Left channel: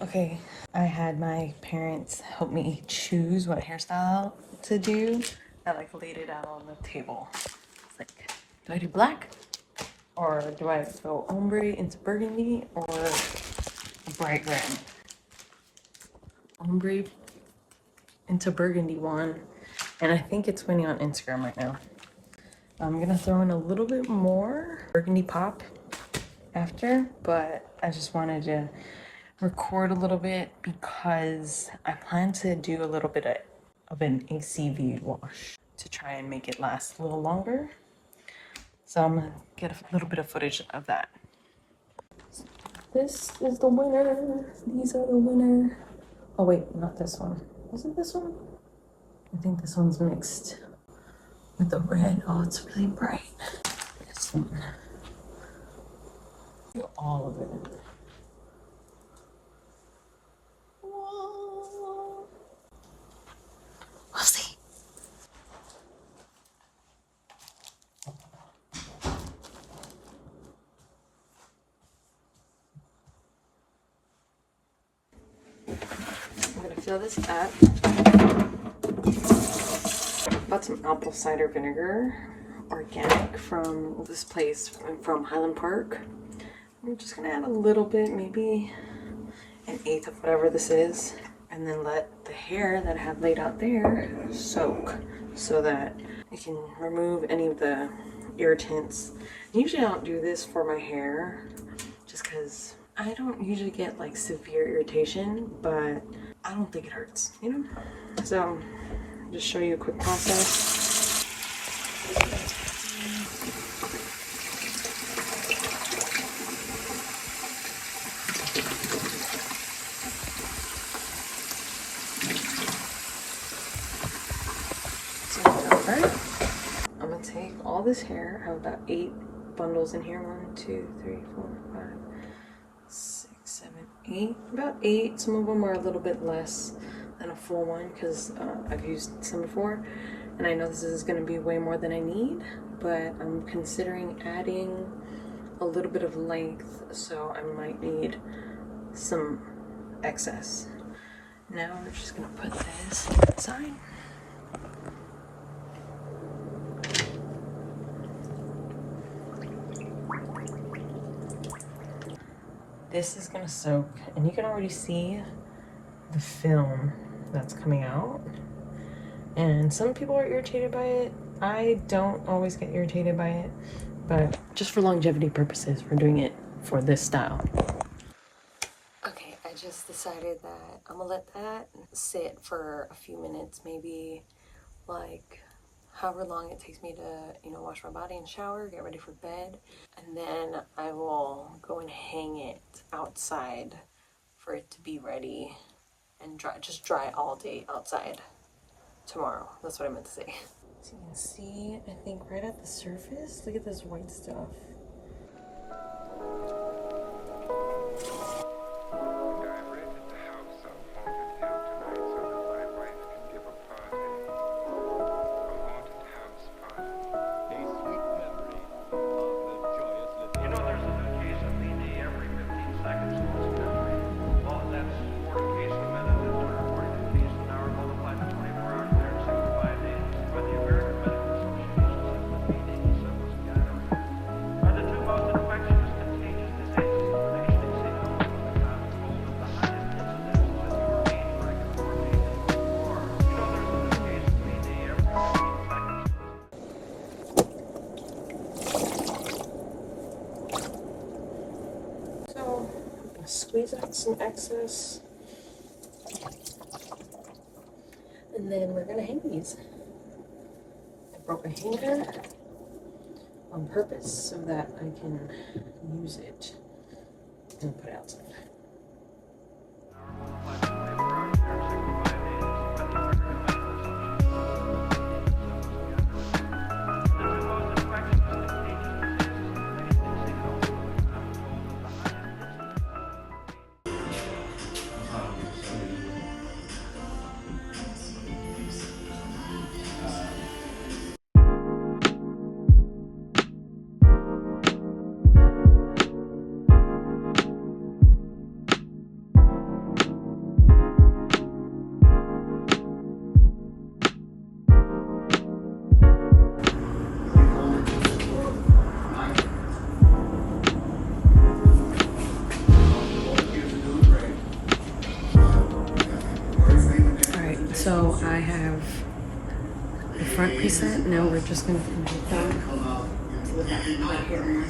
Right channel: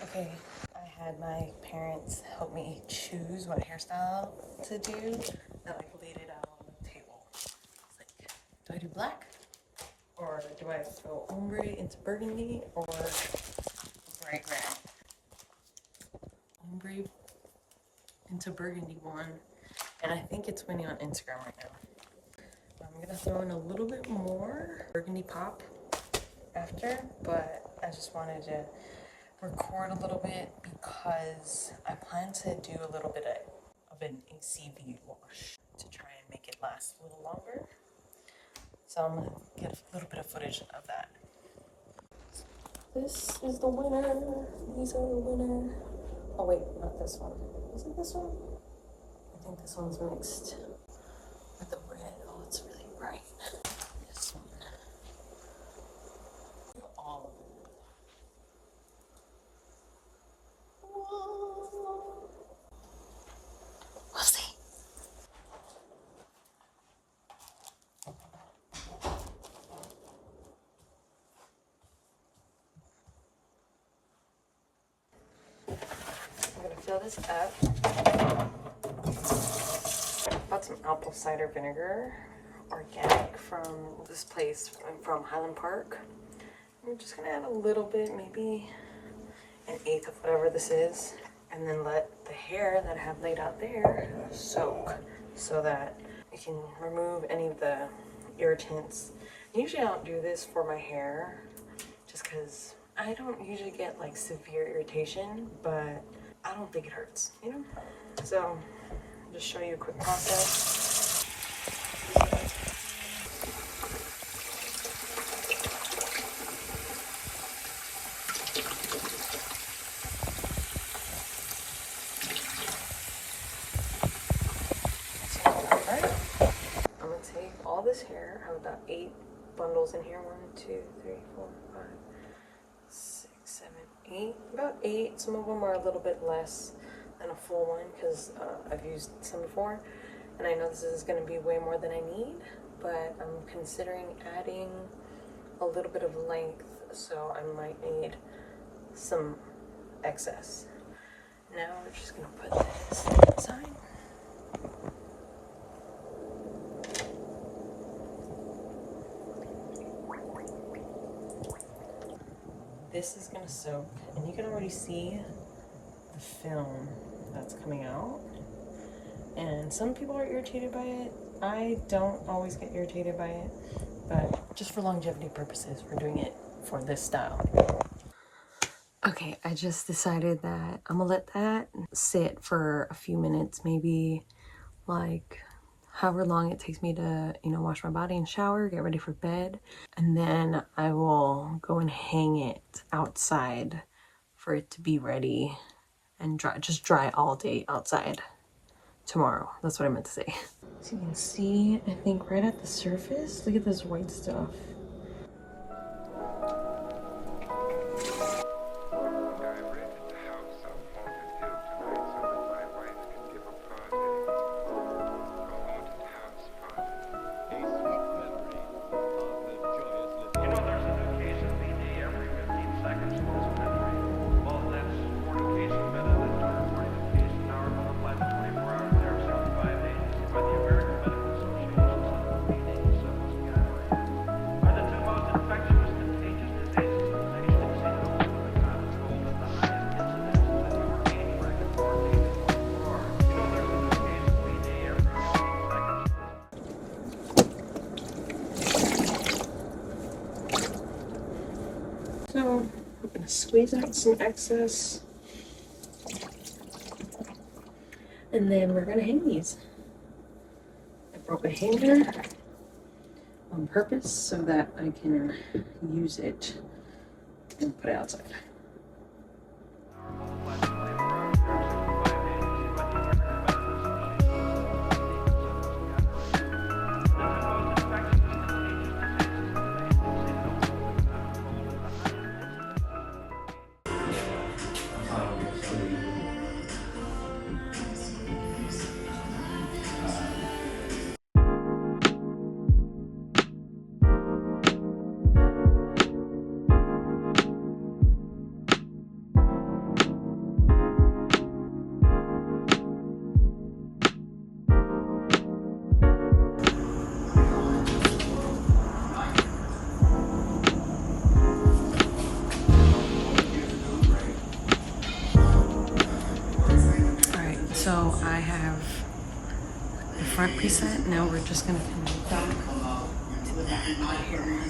Okay, I had my parents help me choose what hairstyle to do. I like laid it out on the table. It's like, do I do black? Or do I go ombre into burgundy or a bright red? Ombre into burgundy one. And I think it's winning on Instagram right now. I'm gonna throw in a little bit more burgundy pop after, but I just wanted to record a little bit because I plan to do a little bit of an ACV wash to try and make it last a little longer. So I'm gonna get a little bit of footage of that. This is the winner. These are the winner. Oh wait, not this one. Was it this one? I think this one's mixed with the red. Oh, it's really bright. This one. Do all of it. Whoa. We'll see. I'm gonna fill this up. Bought some apple cider vinegar, organic from this place from Highland Park. I'm just gonna add a little bit, maybe an eighth of whatever this is, and then let the hair that I have laid out there soak so that I can remove any of the irritants. Usually I don't do this for my hair just because I don't usually get like severe irritation, but I don't think it hurts, you know? So just show you a quick process. I'm gonna take all this hair. I have about 8 bundles in here. 1, 2, 3, 4, 5, 6, 7, 8. About 8. Some of them are a little bit less than a full one because I've used some before, and I know this is gonna be way more than I need, but I'm considering adding a little bit of length, so I might need some excess. Now we're just gonna put this inside. This is gonna soak, and you can already see the film that's coming out. And some people are irritated by it. I don't always get irritated by it, but just for longevity purposes, we're doing it for this style. Okay, I just decided that I'm gonna let that sit for a few minutes, maybe like however long it takes me to, you know, wash my body and shower, get ready for bed, and then I will go and hang it outside for it to be ready and dry, just dry all day outside tomorrow. That's what I meant to say. So you can see, I think right at the surface, look at this white stuff. So I'm gonna squeeze out some excess, and then we're gonna hang these. I broke a hanger on purpose so that I can use it and put it outside. So I have the front preset. Now we're just gonna move down to the back part here.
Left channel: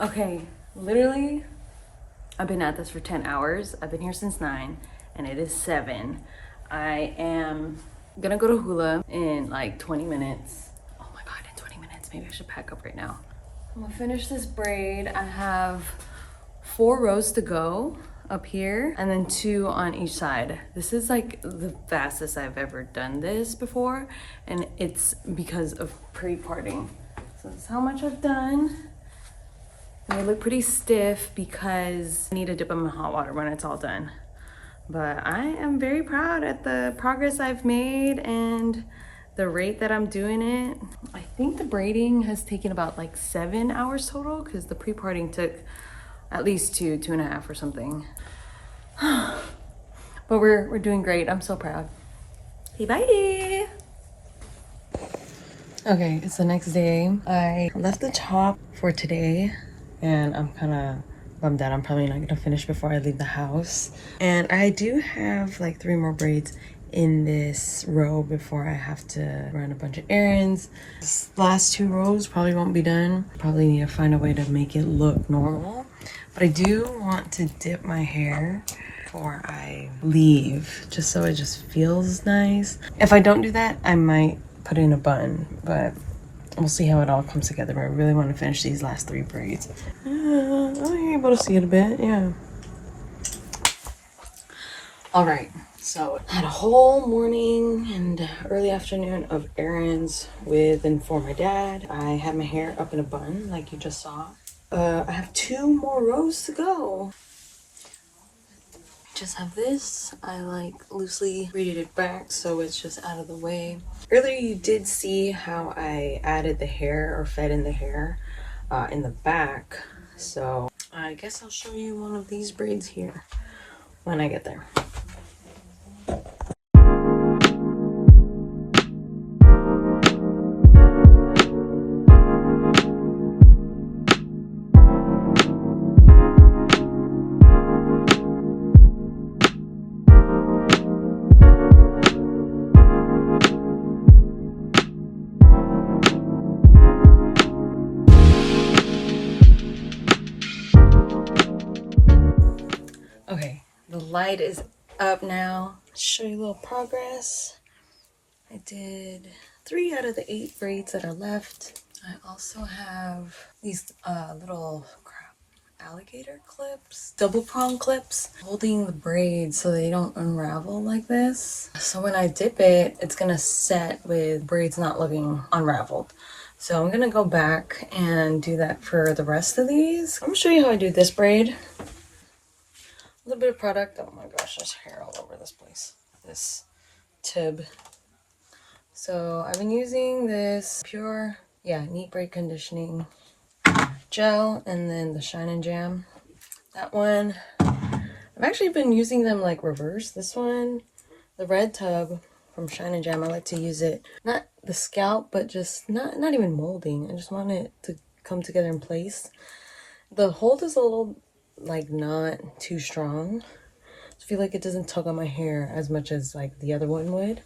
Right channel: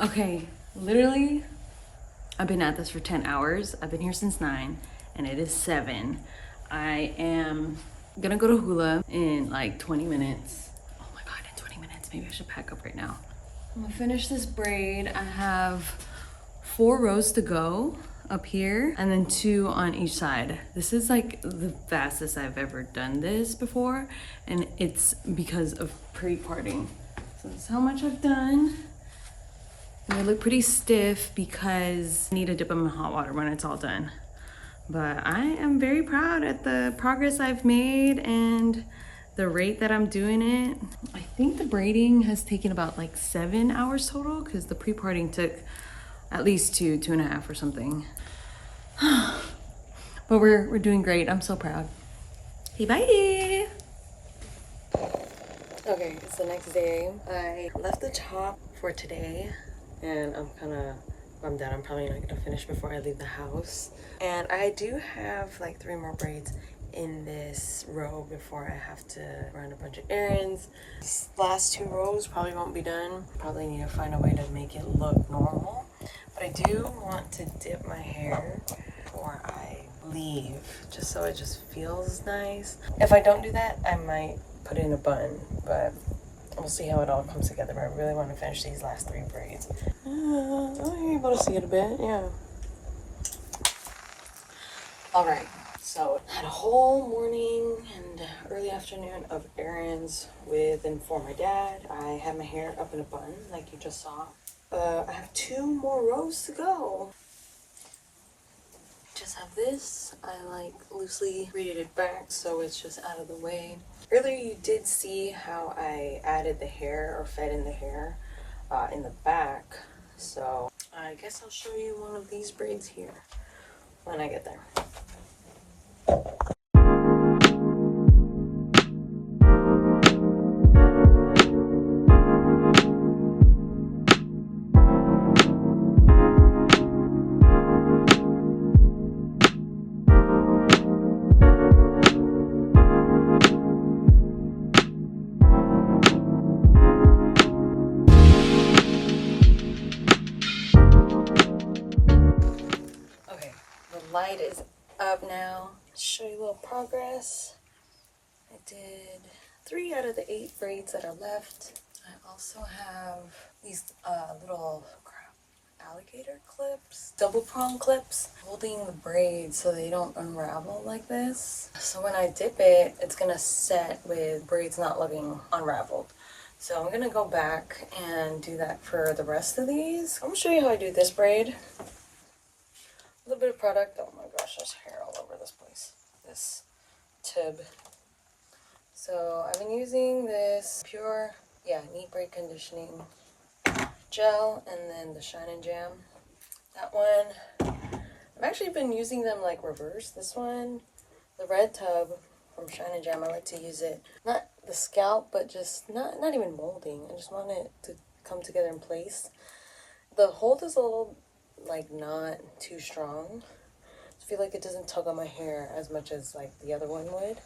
Okay, literally, I've been at this for 10 hours. I've been here since 9 and it is 7. I am gonna go to Hula in like 20 minutes. Oh my God, in 20 minutes. Maybe I should pack up right now. I'm gonna finish this braid. I have 4 rows to go up here and then 2 on each side. This is like the fastest I've ever done this before, and it's because of pre-parting. So that's how much I've done. They look pretty stiff because I need to dip them in hot water when it's all done. But I am very proud at the progress I've made and the rate that I'm doing it. I think the braiding has taken about like 7 hours total because the pre-parting took at least 2.5 or something. But we're doing great. I'm so proud. Hey, bye. Okay, it's the next day. I left the shop for today. And I'm kind of bummed out. I'm probably not gonna finish before I leave the house. And I do have like 3 more braids in this row before I have to run a bunch of errands. This last 2 rows probably won't be done. Probably need to find a way to make it look normal. But I do want to dip my hair before I leave, just so it just feels nice. If I don't do that, I might put in a bun, but we'll see how it all comes together. I really want to finish these last 3 braids. Oh, you're able to see it a bit, yeah. All right, so I had a whole morning and early afternoon of errands with and for my dad. I had my hair up in a bun, like you just saw. I have 2 more rows to go. Just have this. I like loosely braided it back so it's just out of the way. Earlier you did see how I added the hair or fed in the hair in the back. So I guess I'll show you one of these braids here when I get there. Okay, the light is up now. Let's show you a little progress. I did 3 out of the 8 braids that are left. I also have these little alligator clips, double prong clips, holding the braids so they don't unravel like this. So when I dip it, it's gonna set with braids not looking unraveled. So I'm gonna go back and do that for the rest of these. I'm gonna show you how I do this braid. A little bit of product. Oh my gosh, there's hair all over this place. This tib. So I've been using this pure, neat braid conditioning gel and then the Shine and Jam. That one, I've actually been using them like reverse. This one, the red tub from Shine and Jam, I like to use it, not the scalp, but just not even molding. I just want it to come together in place. The hold is a little like not too strong. I feel like it doesn't tug on my hair as much as like the other one would.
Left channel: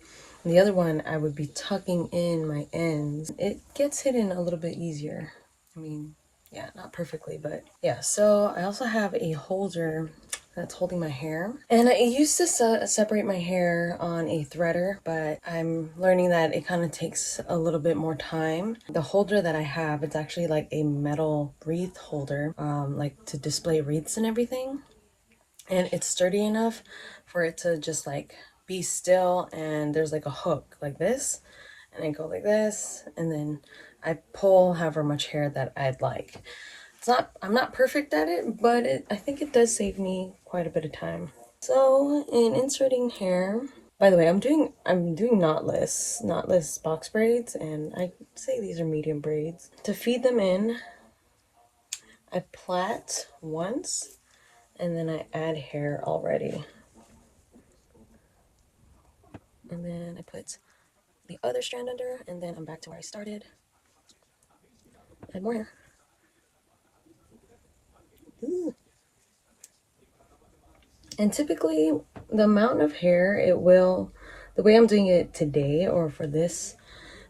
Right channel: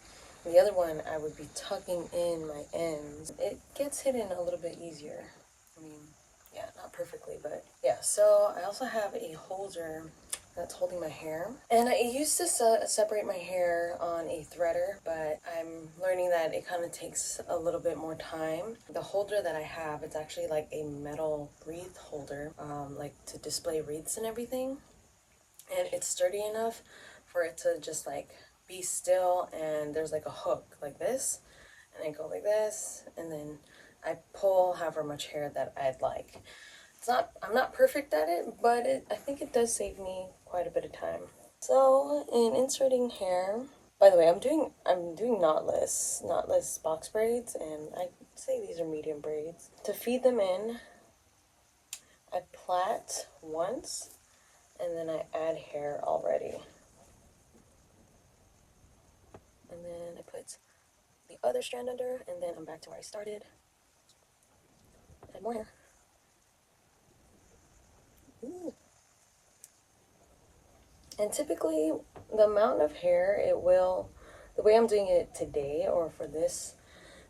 And the other one I would be tucking in my ends. It gets hidden a little bit easier. I mean, yeah, not perfectly, but yeah. So I also have a holder that's holding my hair, and I used to separate my hair on a threader, but I'm learning that it kind of takes a little bit more time. The holder that I have, it's actually like a metal wreath holder, like to display wreaths and everything. and it's sturdy enough for it to just like be still, and there's like a hook like this, and I go like this, and then I pull however much hair that I'd like. I'm not perfect at it, but I think it does save me quite a bit of time. So in inserting hair, by the way, I'm doing knotless box braids, and I say these are medium braids. To feed them in, I plait once, and then I add hair already. And then I put the other strand under, and then I'm back to where I started. Add more hair. Ooh. And typically, the amount of hair the way I'm doing it today, or for this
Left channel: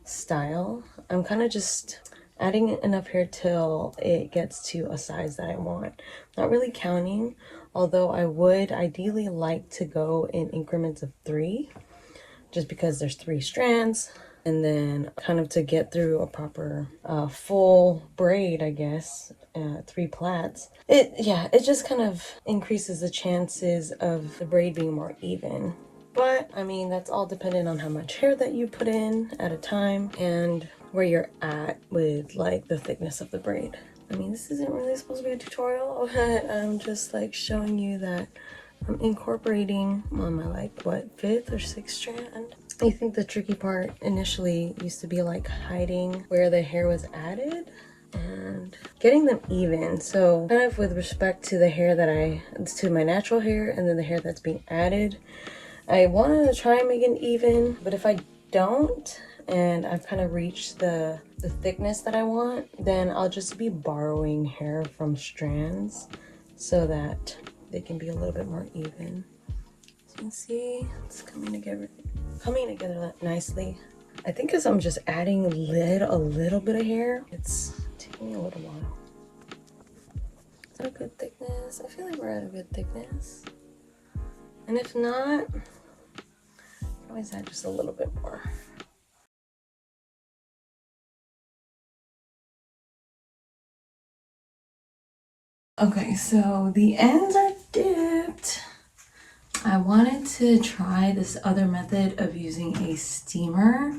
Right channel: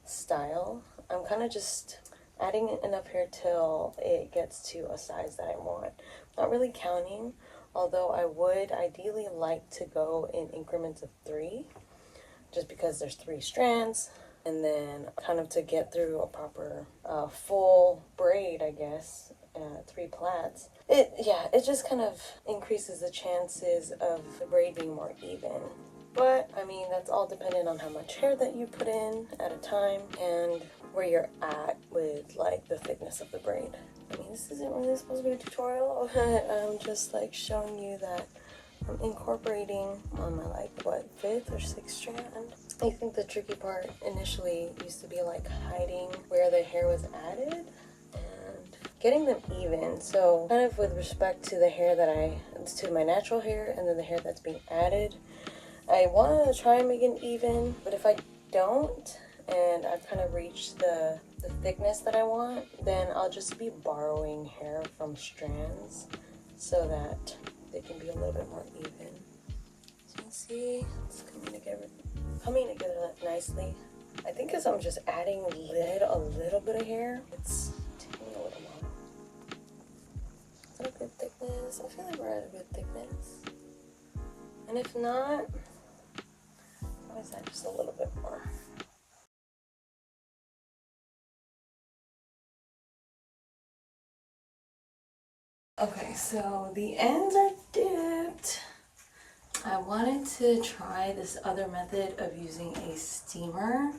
style, I'm kind of just adding enough hair till it gets to a size that I want. Not really counting, although I would ideally like to go in increments of 3, just because there's 3 strands, and then kind of to get through a proper full braid, I guess, 3 plaits. It just kind of increases the chances of the braid being more even. But I mean, that's all dependent on how much hair that you put in at a time and where you're at with like the thickness of the braid. I mean, this isn't really supposed to be a tutorial, but I'm just like showing you that I'm incorporating on my like what 5th or 6th strand. I think the tricky part initially used to be like hiding where the hair was added and getting them even. So kind of with respect to the hair to my natural hair and then the hair that's being added, I want to try and make it even, but if I don't and I've kind of reached the thickness that I want, then I'll just be borrowing hair from strands so that they can be a little bit more even. As you can see, it's coming together nicely. I think because I'm just adding a little bit of hair, it's taking me a little while. Is that a good thickness? I feel like we're at a good thickness. And if not, always add just a little bit more. Okay, so the ends are dipped. I wanted to try this other method of using a steamer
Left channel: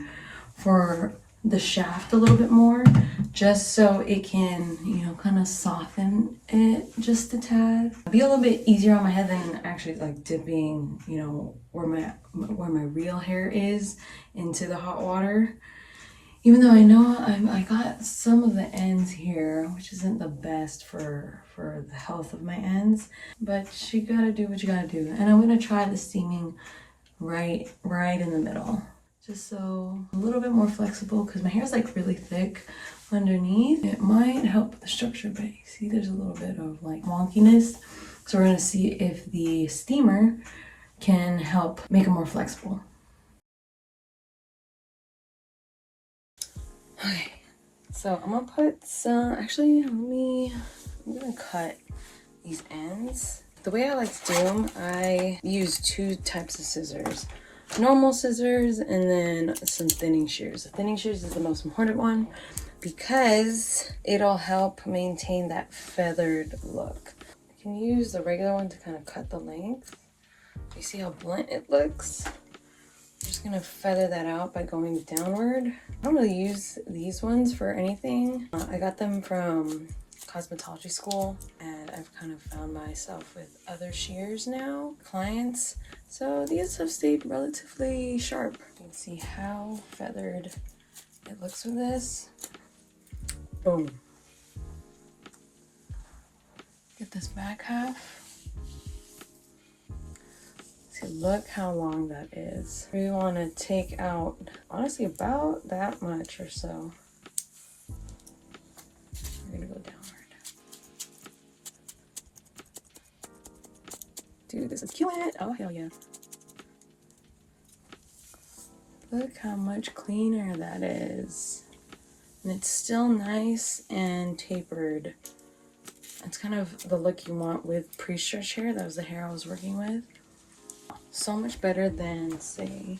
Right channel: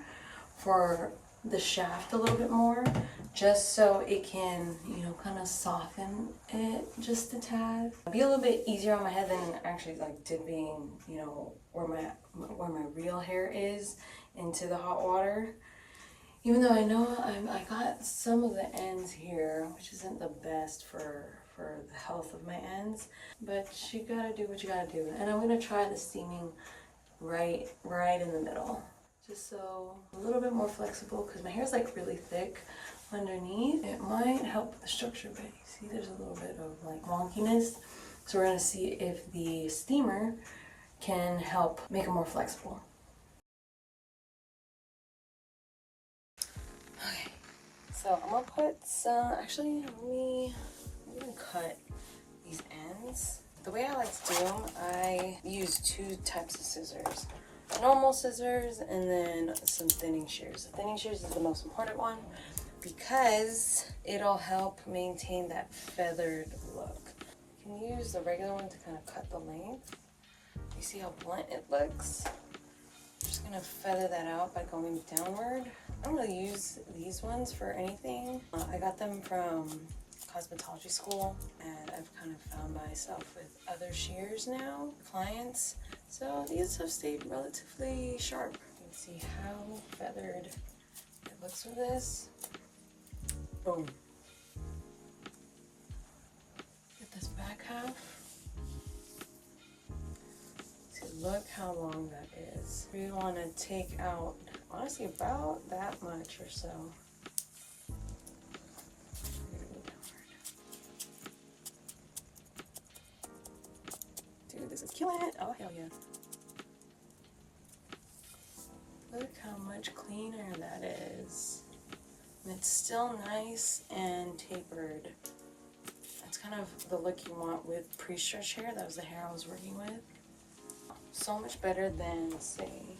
for the shaft a little bit more, just so it can, you know, kind of soften it just a tad. Be a little bit easier on my head than actually like dipping, you know, where my real hair is into the hot water. Even though I know I got some of the ends here, which isn't the best for the health of my ends, but you gotta do what you gotta do. And I'm gonna try the steaming right in the middle, just so a little bit more flexible, because my hair is like really thick underneath. It might help with the structure, but you see there's a little bit of like wonkiness. So we're gonna see if the steamer can help make it more flexible. Okay, so I'm gonna put some, actually, I'm gonna cut these ends. The way I like to do them, I use 2 types of scissors. Normal scissors and then some thinning shears. The thinning shears is the most important one because it'll help maintain that feathered look. You can use the regular one to kind of cut the length. You see how blunt it looks? I'm just gonna feather that out by going downward. I don't really use these ones for anything. I got them from cosmetology school, and I've kind of found myself with other shears now, clients. So these have stayed relatively sharp. You can see how feathered it looks with this. Boom. Get this back half. Look how long that is. We want to take out, honestly, about that much or so. We're gonna go downward. Dude, this is killing it. Oh, hell yeah. Look how much cleaner that is. And it's still nice and tapered. It's kind of the look you want with pre-stretch hair. That was the hair I was working with. So much better than, say,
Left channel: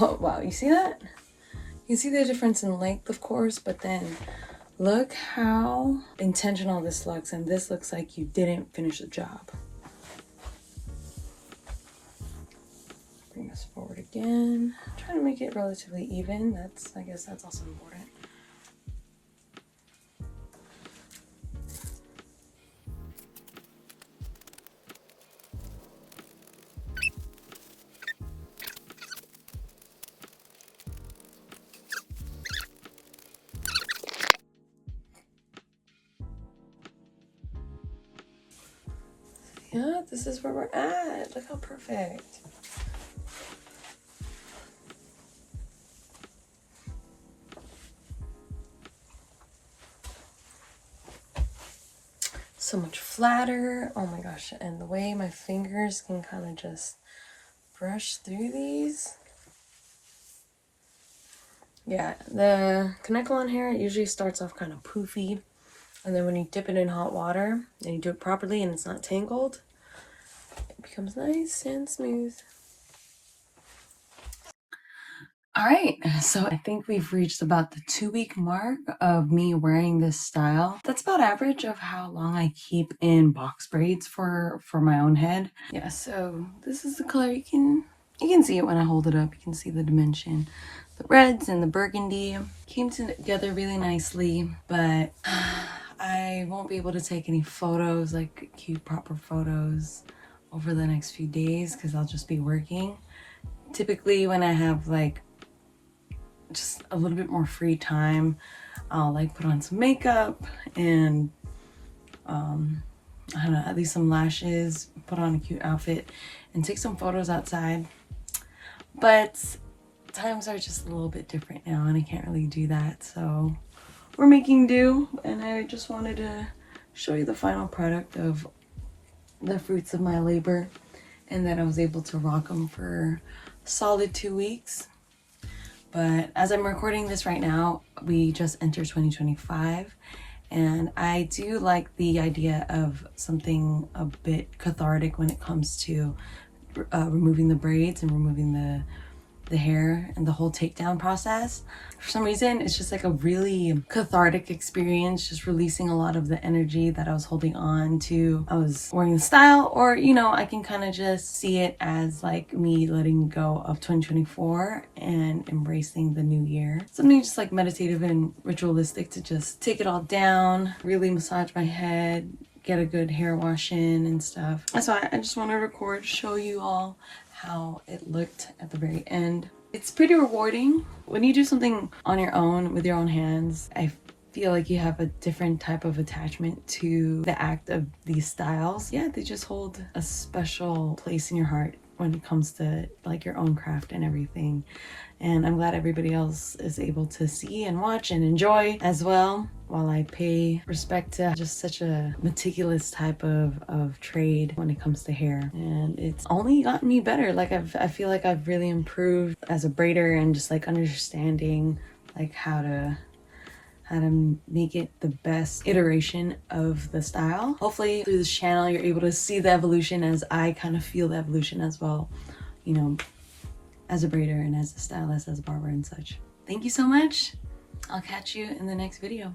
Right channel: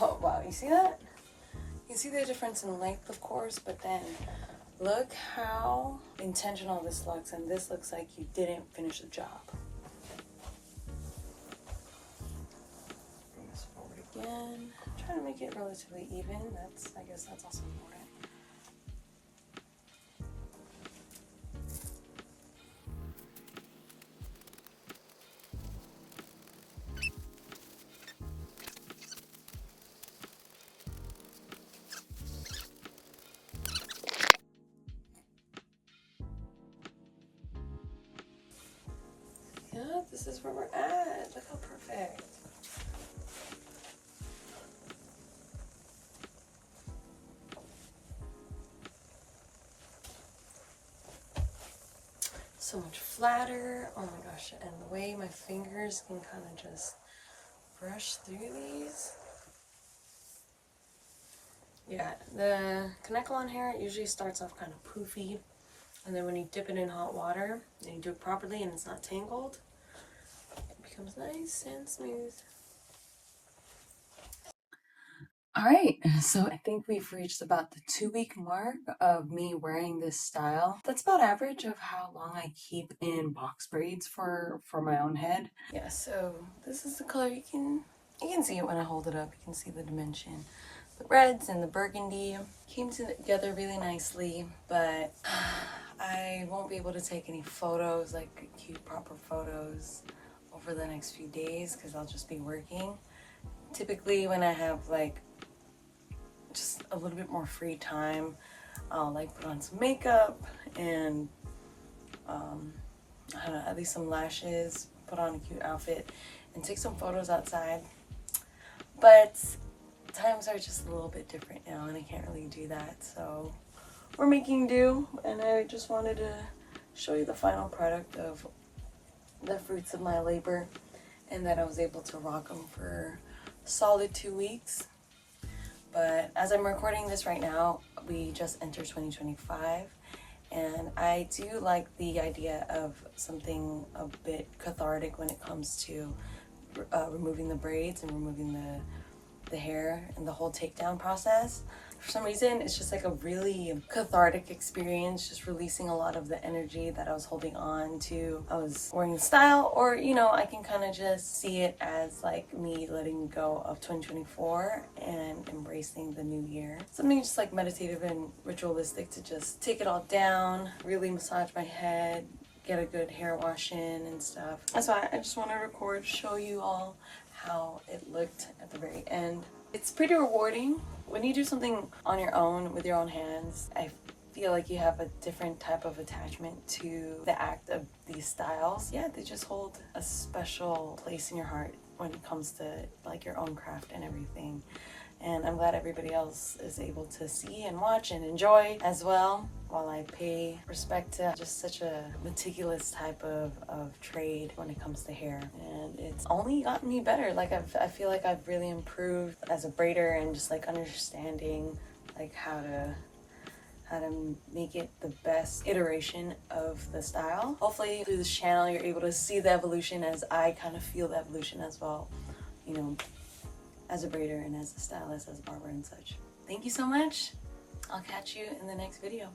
oh wow, you see that? You see the difference in length, of course, but then Look how intentional this looks, and this looks like you didn't finish the job. Bring this forward again. Try to make it relatively even. I guess that's also important. Yeah, this is where we're at. Look how perfect. So much flatter. Oh my gosh. And the way my fingers can kind of just brush through these. Yeah, the Knotless hair usually starts off kind of poofy. And then when you dip it in hot water and you do it properly and it's not tangled, it becomes nice and smooth. All right, so I think we've reached about the 2-week mark of me wearing this style. That's about average of how long I keep in box braids for my own head. Yeah, so this is the color. You can see it when I hold it up. You can see the dimension. The reds and the burgundy came together really nicely, but I won't be able to take any photos, like cute proper photos, over the next few days because I'll just be working. Typically when I have like just a little bit more free time, I'll like put on some makeup and I don't know, at least some lashes, put on a cute outfit and take some photos outside. But times are just a little bit different now and I can't really do that, so we're making do. And I just wanted to show you the final product of the fruits of my labor and that I was able to rock them for a solid 2 weeks. But as I'm recording this right now, we just entered 2025, and I do like the idea of something a bit cathartic when it comes to removing the braids and removing the hair and the whole takedown process. For some reason, it's just like a really cathartic experience, just releasing a lot of the energy that I was holding on to. I was wearing the style, or you know, I can kind of just see it as like me letting go of 2024 and embracing the new year. Something just like meditative and ritualistic to just take it all down, really massage my head, get a good hair wash in and stuff. So I just want to record, show you all how it looked at the very end. It's pretty rewarding when you do something on your own with your own hands. I feel like you have a different type of attachment to the act of these styles. Yeah, they just hold a special place in your heart when it comes to like your own craft and everything. And I'm glad everybody else is able to see and watch and enjoy as well, while I pay respect to just such a meticulous type of trade when it comes to hair. And it's only gotten me better. Like I feel like I've really improved as a braider and just like understanding like how to make it the best iteration of the style. Hopefully through this channel you're able to see the evolution as I kind of feel the evolution as well, you know, as a braider and as a stylist, as a barber and such. Thank you so much. I'll catch you in the next video.